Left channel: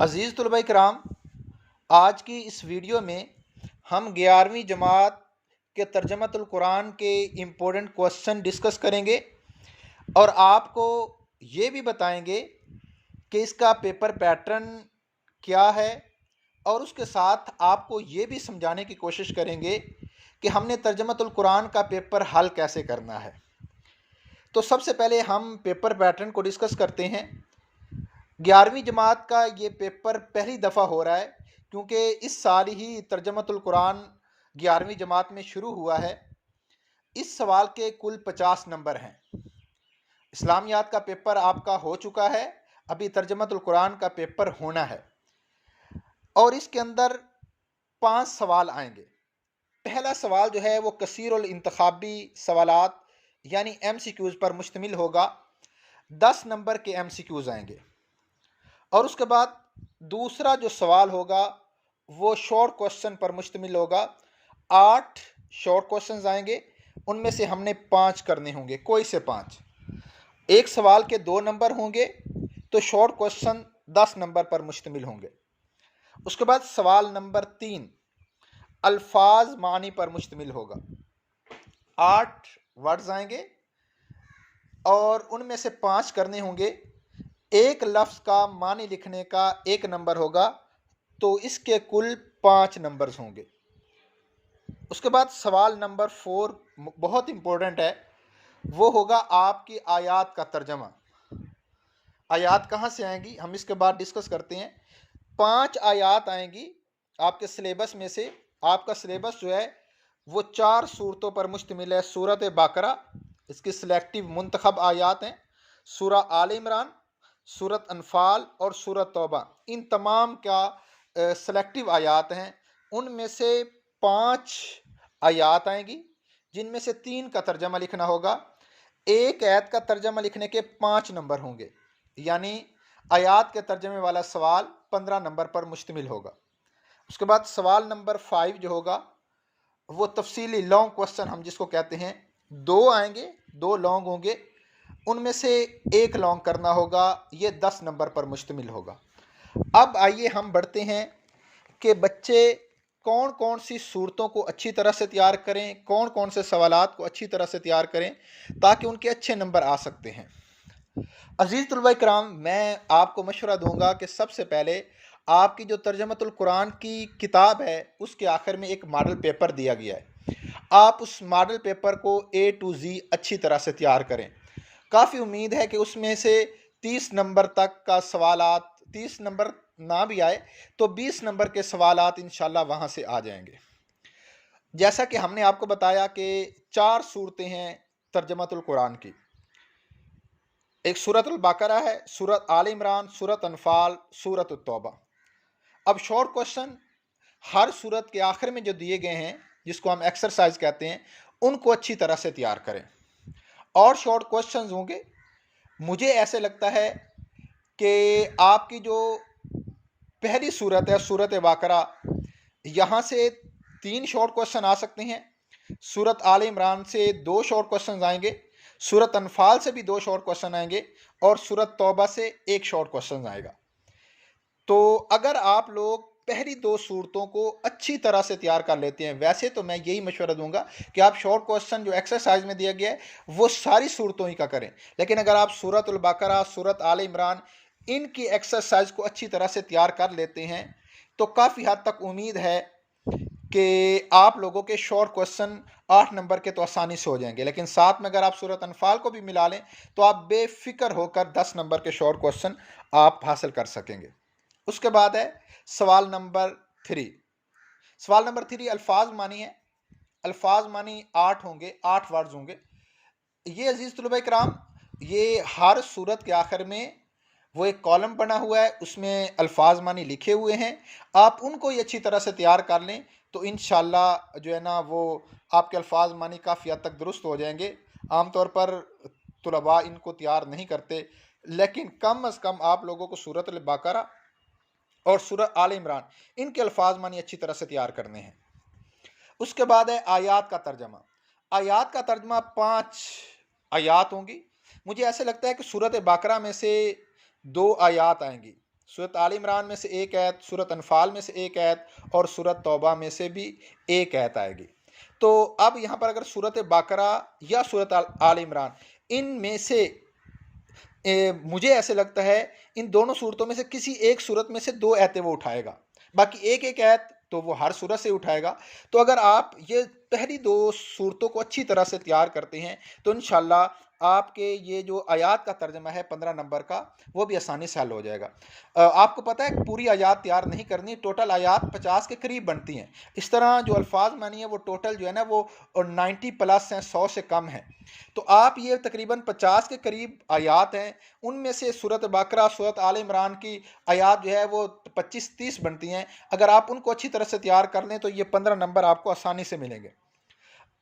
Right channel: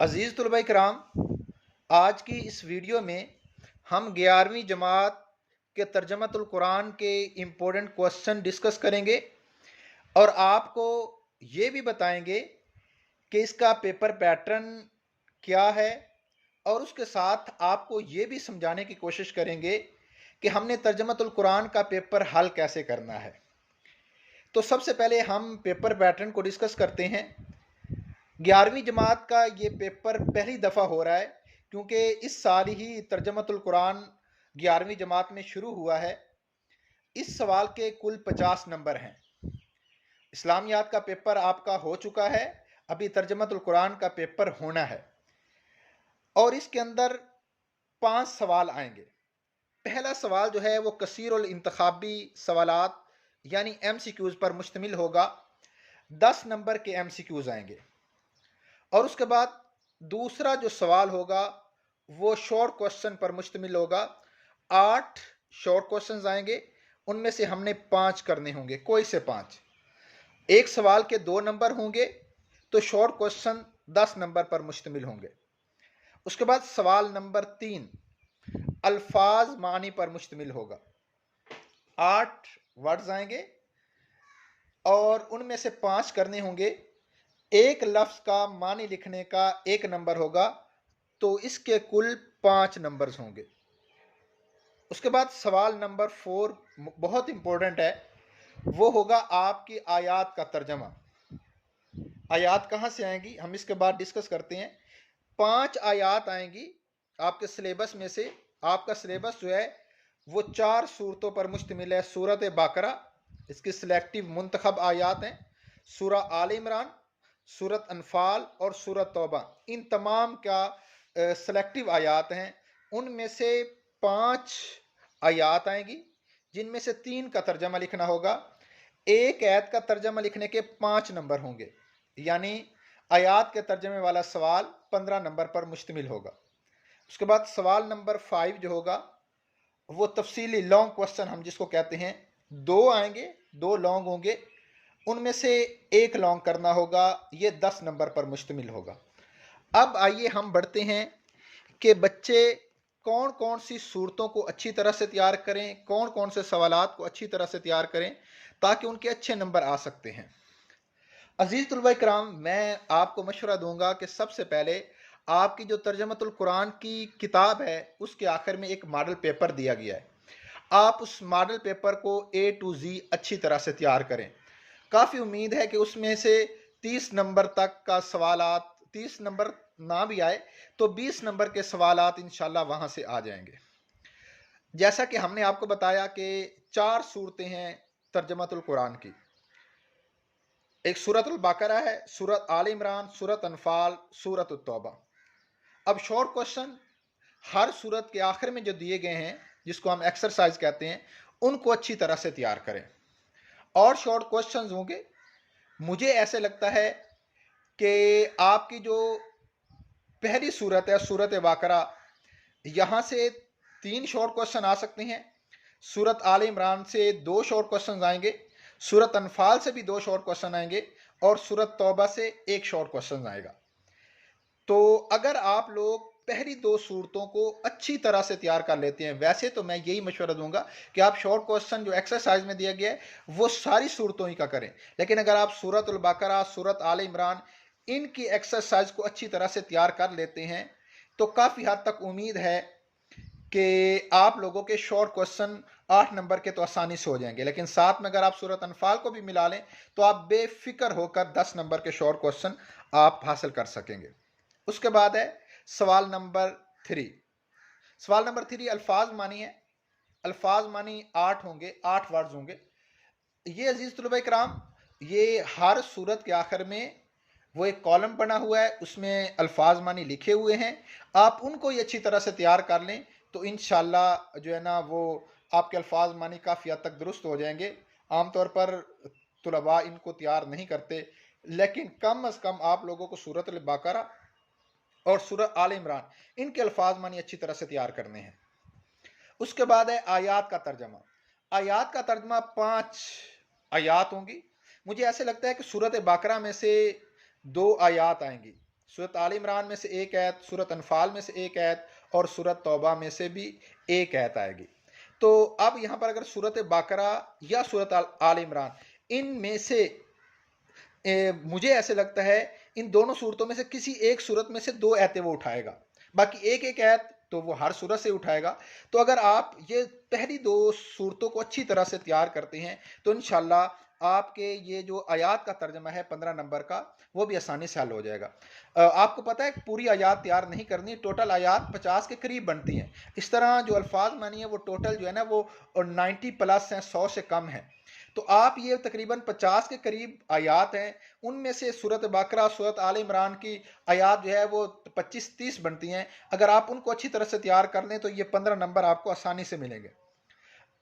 अज़ीज़ तलबा कराम, आज की इस वीडियो में हम 11वीं जमात के तर्जमतुल कुरान के इम्पोर्टेंट क्वेश्चन डिस्कस करेंगे और आपको ये भी बताएंगे कि इसका पेपर पैटर्न क्या है और उसके साथ आपको ये भी समझाने की कोशिश करेंगे कि हमने तर्जमतुल कुरान का पेपर हल कैसे करना है। तो सबसे पहले हम पेपर पैटर्न को डिस्कस करते हैं। 11वीं जमात का ये पेपर पहली दफ़ा हो रहा है क्योंकि इस साल ही तर्जमतुल कुरान 11वीं जमात में शुरू हुआ है। इस सवाल के कुल 50 नंबर हैं। इस्लामियात का पेपर आपका हो चुका है, अभी तर्जमतुल कुरान का पेपर होना है और इसके अंदर 5 सवाल आएंगे। पहला सवाल जो है वो कसीरुल इंतखाबी सवालात यानी MCQs पर मुश्तमिल होगा। 10 नंबर के MCQs आएंगे और उसके बाद दूसरा जो सवाल होगा वो शॉर्ट क्वेश्चन पर मुश्तमिल होगा। 8 शॉर्ट क्वेश्चंस आएंगे, उनमें से हमने 5 करने होंगे, कोई से 5। एक सवाल के 2 नंबर होंगे तो शॉर्ट क्वेश्चन 10 नंबर पर मुश्तमिल होंगे। उसके बाद सवाल नंबर 3 अल्फाज मानी पर मुश्तमिल होगा। 8 वर्ड्स आएंगे और उनमें से 5 करने होंगे। एक लफ्ज़ का मानी लिखने का 1 नंबर होगा, तो इसके कुल 5 नंबर्स होंगे। उसके बाद सवाल नंबर 4 बहुत इंपॉर्टेंट है, वो होगा आपकी आयात का तर्जमा। आयात कहाँ से आएंगी हम इसके बाद डिस्कस करते हैं। 5 आयात आएंगी आपके सिलेबस में से। आपका सिलेबस जो है वो 4 सूरतों पर मुश्तमिल है। सूरत बकरा, इसकी सिलेक्टिव मुंतखब आयात हैं। सूरा आल इमरान, सूरत अनफाल और सूरत तौबा, इन तमाम का सेलेक्टिव आयात हैं। उनमें से 5 आयात आएंगी जिनमें से 3 का तर्जमा लिखना होगा। एक आयत का तर्जमा लिखने के 5 नंबर होंगे, यानी आयात के तर्जमे वाला सवाल 15 नंबर पर मुश्तमिल होगा। उसके बाद सवाल नंबर 5 जो होगा वो तफसीली लॉन्ग क्वेश्चन हम जिसको कहते हैं। 2 आएंगे, 2 लॉन्ग होंगे, उनमें से एक लॉन्ग करना होगा, ये 10 नंबर पर मुश्तमिल होगा। अब आइए हम बढ़ते हैं कि बच्चे कौन कौन सी सूरतों को अच्छी तरह से तैयार करें, कौन कौन से सवालात को अच्छी तरह से तैयार करें ताकि उनके अच्छे नंबर आ सकते हैं। अजीज़ तलबा कराम, मैं आपको मशवरा दूंगा कि सबसे पहले आपकी जो तर्जमतुल कुरान की किताब है उसके आखिर में एक मॉडल पेपर दिया गया है। आप उस मॉडल पेपर को A to Z अच्छी तरह से तैयार करें। काफ़ी उम्मीद है कि उसमें से 30 नंबर तक का सवालात, 30 नंबर ना भी आए तो 20 नंबर के सवालात इंशाल्लाह वहाँ से आ जाएंगे। जैसा कि हमने आपको बताया कि 4 सूरतें हैं तर्जमतुल कुरान की। एक सूरत बकरा है, सूरत आल इमरान, सूरत अनफाल, सूरत तौबा। अब शॉर्ट क्वेश्चन हर सूरत के आखिर में जो दिए गए हैं, जिसको हम एक्सरसाइज कहते हैं, उनको अच्छी तरह से तैयार करें। और शॉर्ट क्वेश्चंस होंगे। मुझे ऐसे लगता है कि आपकी जो पहली सूरत है सूरत बकरा, यहाँ से 3 शॉर्ट क्वेश्चन आ सकते हैं। सूरत आल इमरान से 2 शॉर्ट क्वेश्चन आएंगे, सूरत अनफाल से भी 2 शॉर्ट क्वेश्चन आएंगे और सूरत तौबा से 1 शॉर्ट क्वेश्चन आएगा। तो अगर आप लोग पहली 2 सूरतों को अच्छी तरह से तैयार कर लेते हैं, वैसे तो मैं यही मशवरा दूंगा कि आप शॉर्ट क्वेश्चन जो एक्सरसाइज में दिया गया है वो सारी सूरतों ही का करें। लेकिन अगर आप सूरत बकरा, सूरत आल इमरान, इनकी एक्सरसाइज को अच्छी तरह से तैयार कर लेते हैं तो काफ़ी हद तक उम्मीद है कि आप लोगों के शॉर्ट क्वेश्चन 8 नंबर के तो आसानी से हो जाएंगे। लेकिन साथ में अगर आप सूरत अनफाल को भी मिला लें तो आप बेफिक्र होकर 10 नंबर के शॉर्ट क्वेश्चन आप हासिल कर सकेंगे। उसके बाद है सवाल नंबर 3। सवाल नंबर 3 अल्फाज मानी है। अल्फाज मानी 8 होंगे, 8 वर्ड्स होंगे। ये अजीज तलबा कराम, ये हर सूरत के आखिर में वो एक कॉलम बना हुआ है, उसमें अल्फाज मानी लिखे हुए हैं। आप उनको ही अच्छी तरह से तैयार कर लें तो इंशाल्लाह जो है ना वो आपके अल्फाज मानी काफ़ी हद तक दुरुस्त हो जाएंगे। आमतौर पर तुलबा इनको तैयार नहीं करते, लेकिन कम अज़ कम आप लोगों को सूरत बकरा और सूरत आल इमरान इनके अल्फाज मानी अच्छी तरह से तैयार करने हैं। उसके बाद है आयात का तर्जमा। आयात का तर्जमा 5 आयात होंगी। मुझे ऐसे लगता है कि सूरत बकरा में से 2 आयात आएंगी। सूरत आल इमरान में से एक आयत, सूरत अनफाल में से एक आयत और सूरत तौबा में से भी एक आयत आएगी। तो अब यहाँ पर अगर सूरत बकरा या सूरत आल इमरान, इनमें से मुझे ऐसे लगता है इन दोनों सूरतों में से किसी एक सूरत में से दो आयतें वो उठाएगा, बाकी एक एक आयत तो वो हर सूरत से उठाएगा। तो अगर आप ये पहली दो सूरतों को अच्छी तरह से तैयार करते हैं तो इंशाल्लाह आपके ये जो आयात का तर्जमा है 15 नंबर का, वो भी आसानी से हल हो जाएगा। आपको पता है पूरी आयात तैयार नहीं करनी, टोटल आयात 50 के करीब बनती हैं। इस तरह जो अल्फाज मानी है वो टोटल जो है ना वो 90 प्लस हैं, 100 से कम है। तो आप ये तकरीबन 50 के करीब आयात हैं, उनमें से सूरत बकरा, सूरत आल इमरान की आयात जो है वो 25-30 बनती हैं। अगर आप उनको अच्छी तरह से तैयार कर लें तो ये 15 नंबर आपको आसानी से मिलेंगे।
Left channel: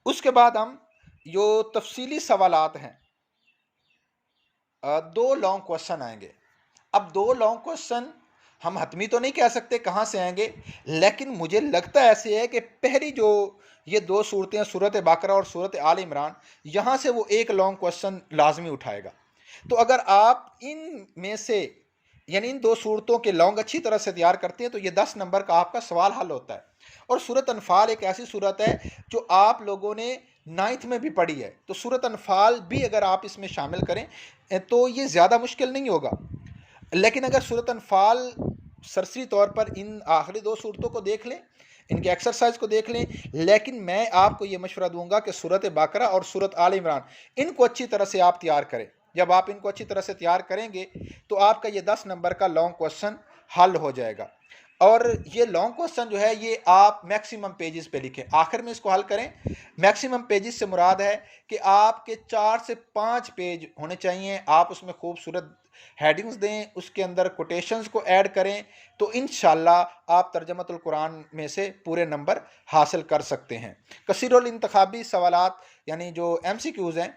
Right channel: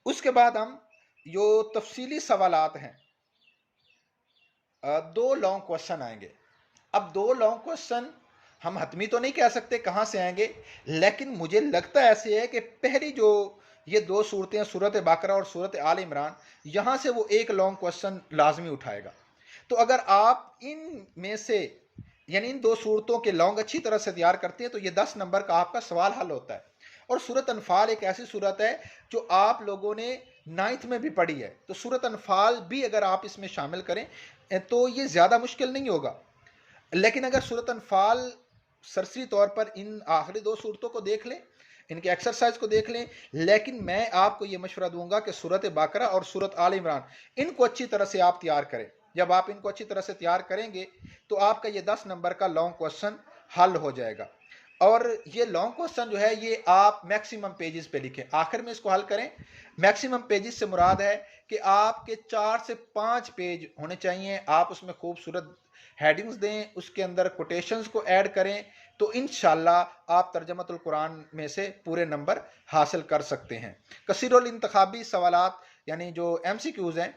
उसके बाद हम जो तफसीली सवालात हैं, दो लॉन्ग क्वेश्चन आएंगे। अब दो लॉन्ग क्वेश्चन हम हतमी तो नहीं कह सकते कहाँ से आएंगे, लेकिन मुझे लगता ऐसे है कि पहली जो ये दो सूरतें हैं, सूरत बकरा और सूरत आल इमरान, यहाँ से वो एक लॉन्ग क्वेश्चन लाजमी उठाएगा। तो अगर आप इन में से यानी इन दो सूरतों के लॉन्ग अच्छी तरह से तैयार करते हैं तो ये 10 नंबर का आपका सवाल हल होता है। और सूरत अनफाल एक ऐसी सूरत है जो आप लोगों ने 9th में भी पढ़ी है, तो सूरत अनफाल भी अगर आप इसमें शामिल करें तो ये ज़्यादा मुश्किल नहीं होगा। लेकिन अगर सूरत अनफाल सरसरी तौर पर इन आखिरी दो सूरतों को देख लें, इनके एक्सरसाइज को देख लें, लेकिन मैं आपको ये मशवरा दूंगा कि सूरत बकरा और सूरत आल इमरान इनको अच्छी तरह से आप तैयार करें। जब आप इनको अच्छी तरह से तैयार करेंगे तो आपका ये 10 नंबर का लॉन्ग क्वेश्चन हल हो जाएगा। और ये लॉन्ग क्वेश्चन जो है ये आप मैक्सिमम पेजेस पे लिखें, आखिर में इसको हल करें। मैक्सिमम पेजेस से मुराद है कि आपके 4 से 5 पेज होने चाहिए, आप उसमें खूबसूरत हेडिंग्स दें, उसके अंदर कोटेशंस को ऐड करें, तो इंशाल्लाह आप तर्जमतुल कुरान में से पूरे नंबर हासिल कर सकते हैं। कसीरुल इंतखाबी सवालात यानी जो MCQs हैं,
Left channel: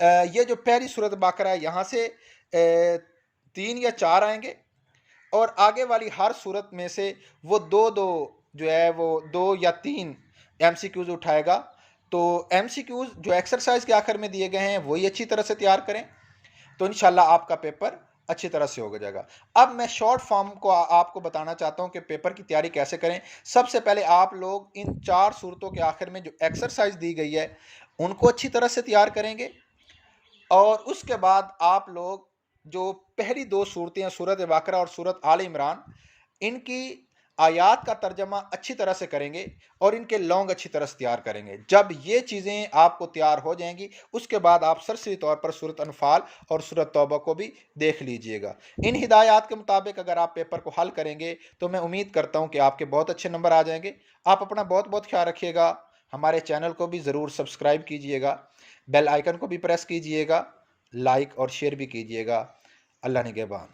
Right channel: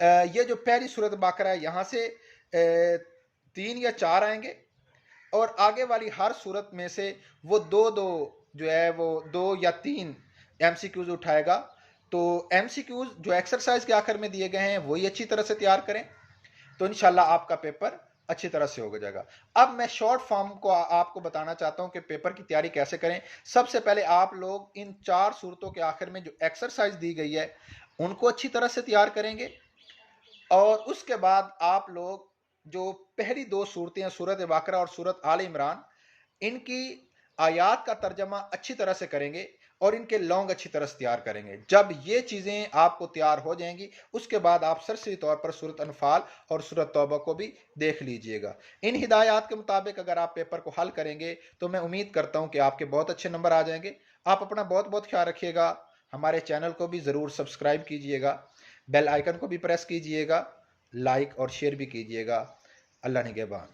ये जो पहली सूरत बकरा है यहाँ से 3 या 4 आएंगे और आगे वाली हर सूरत में से वो दो दो जो है वो 2 या 3 MCQs उठाएगा। तो MCQs जो एक्सरसाइज के आखिर में दिए गए हैं वही अच्छी तरह से तैयार करें, तो इंशाल्लाह आपका पेपर अच्छी तरह से हो जाएगा। अब मैं शॉर्ट फॉर्म को आपको बताना चाहता हूं कि पेपर की तैयारी कैसे करें। सबसे पहले आप लोग इन 4 सूरतों के आखिर में जो एक्सरसाइज दी गई है उनको अच्छी तरह से तैयार करेंगे और उसके बाद आप लोग जो पहली दो सूरतें हैं, सूरत बकरा और सूरत आल इमरान, इनकी आयात का तर्जमा अच्छी तरह से करेंगे और इनके लॉन्ग अच्छी तरह से तैयार करेंगे। जब ये चीज़ें आपको तैयार हो जाएंगी उसके बाद आप सरसरी तौर पर सूरत अनफाल और सूरत तौबा को भी देख लीजिएगा। इन हिदायत के मुताबिक अगर आप पेपर को हल करेंगे तो मैं उम्मीद करता हूँ कि आपके बहुत अच्छे नंबर आ जाएंगे। आप अपना बहुत बहुत ख्याल रखिएगा। हमारे चैनल को भी ज़रूर सब्सक्राइब कीजिएगा, बेल आइकन को भी प्रेस कीजिएगा, लाइक और शेयर भी कीजिएगा। अल्लाह निगहबान।